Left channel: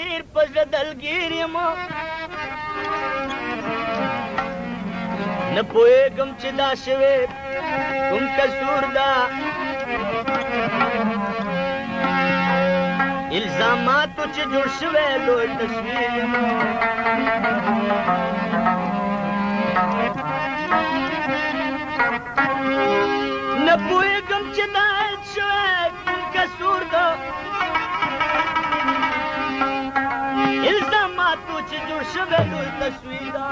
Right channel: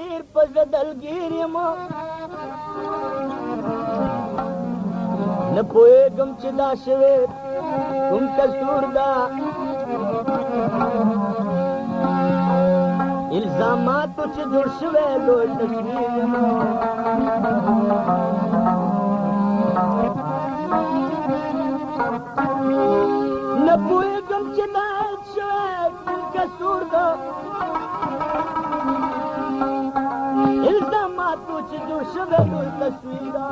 ډیر په دلګیر یم نه پوهېږم چې دا شوې کوم کسور ده الزاماتو چې جوړ شوی لوی تصویر یم نه پوهېږم چې دا شوی کوم کسور ده الزاماتو چې جوړ شوی لوی تصویر ده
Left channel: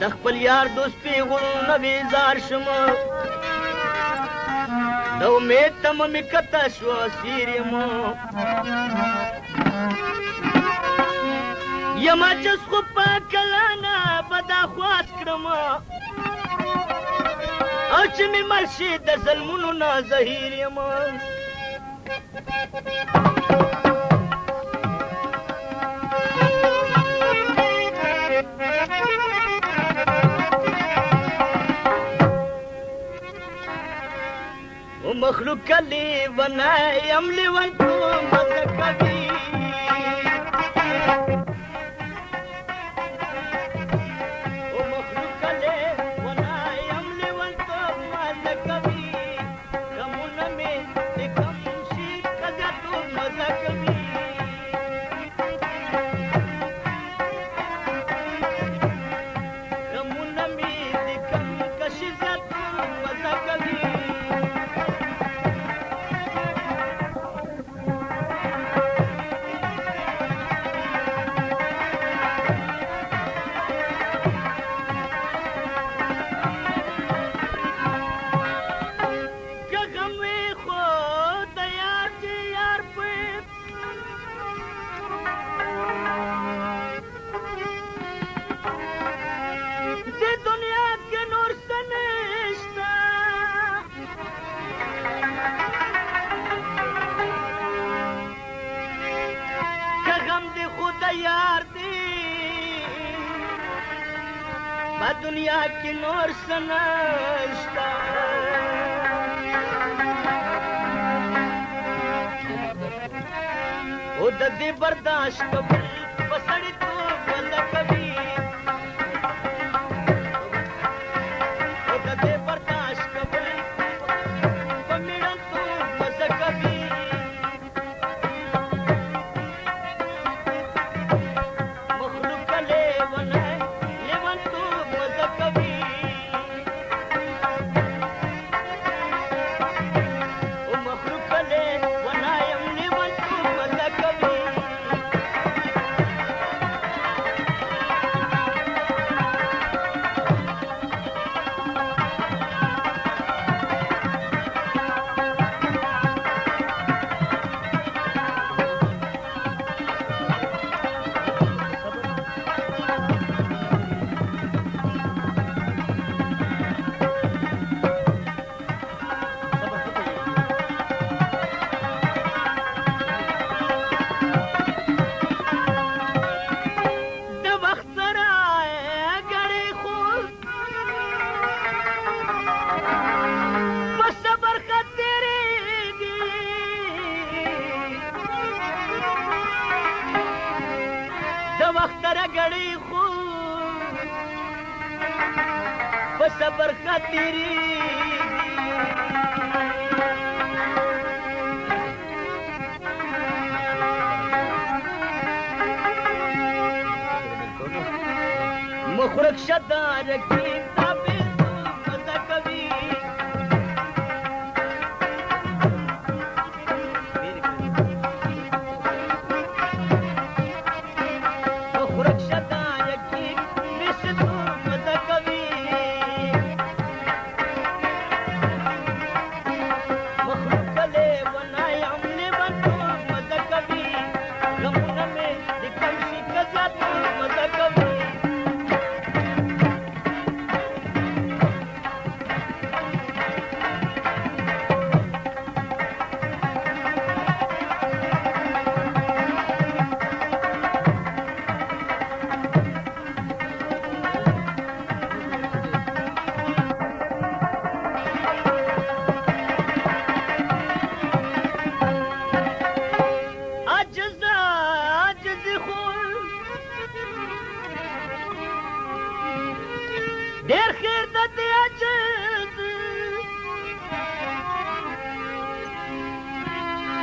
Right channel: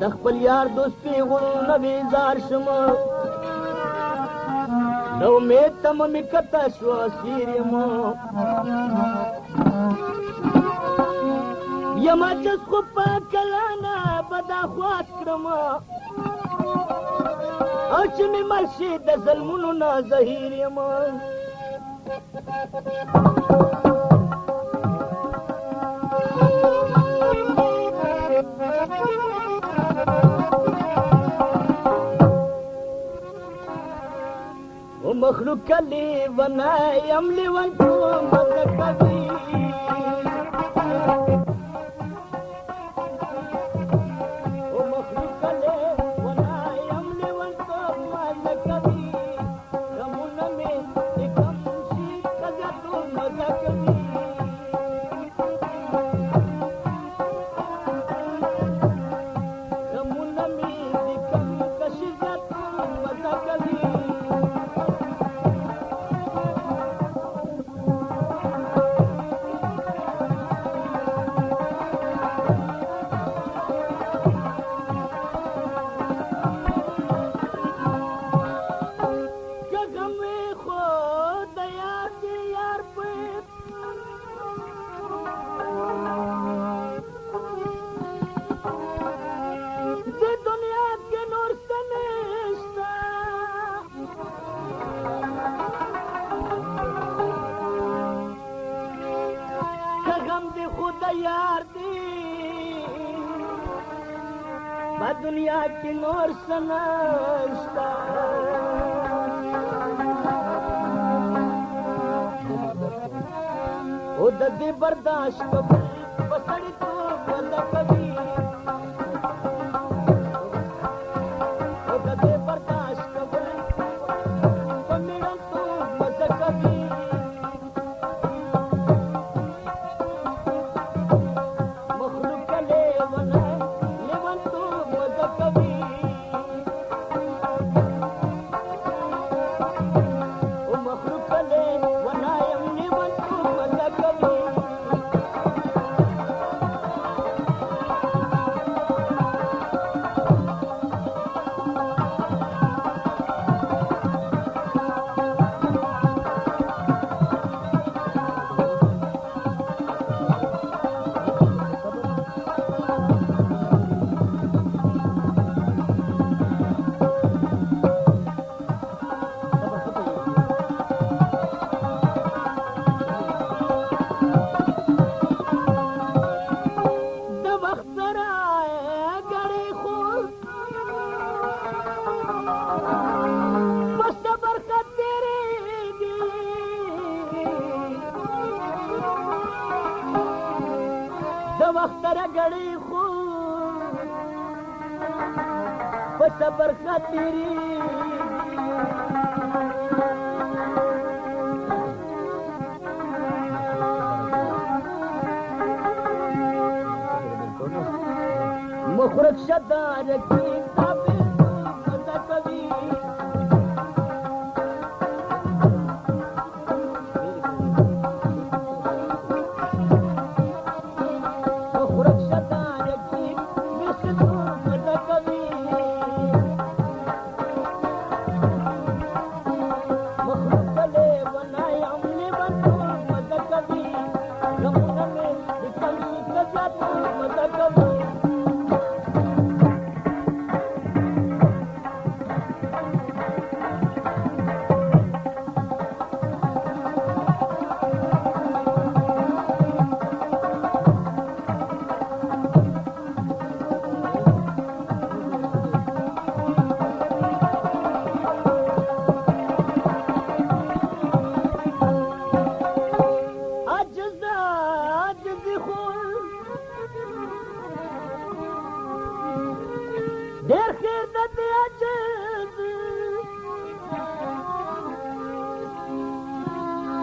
د خپل یار دوست پیغلونه بیزار شم د امید تمه مې کته شوه اسیر یم یما جس خو په کلانه به دا خواست کړم او چې مې مل شي د ظلمونو نه زهیر یم مخلوق کلی ونایم لیونتوم مذکبی مخلوق کلی ونایم لیونتوم مذکبی غمونه مې د کم شي قضیتو مذکبی غمونه مې د کم کشي زیاتو مذکبی दुनिया की नूर सनाश्ता ओ ददी बर्दाश्त पसड़ी तू बंद कभी ओ ददी बर्दाश्त पमिड़न तू बस कभी मखलूक ले वना लेवन तू صبر خاطری مخرج شدار کی تابع مزہ کبھی مخرج شدار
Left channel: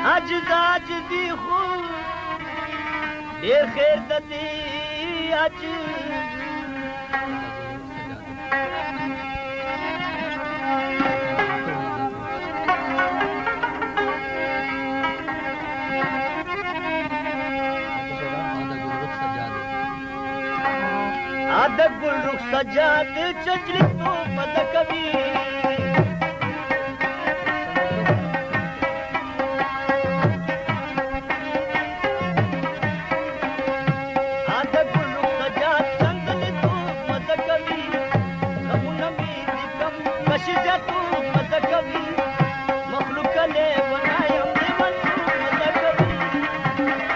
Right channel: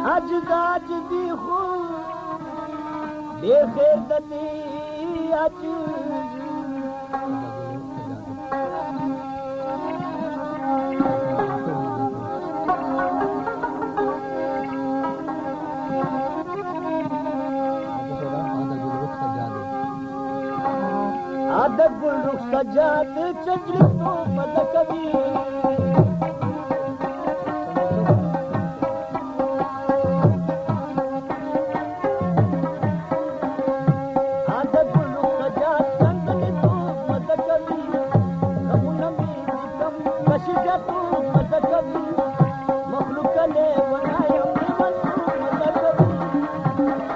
आज दी खूब देखे दती आज आधा गुल रुख सजाद चंचली तू मद कभी आधा गुल रुख सजाद चंचली तू मद कभी कबू नमी कम कशिजा तू मद कभी मखलूक ने बनाया मन मद कभी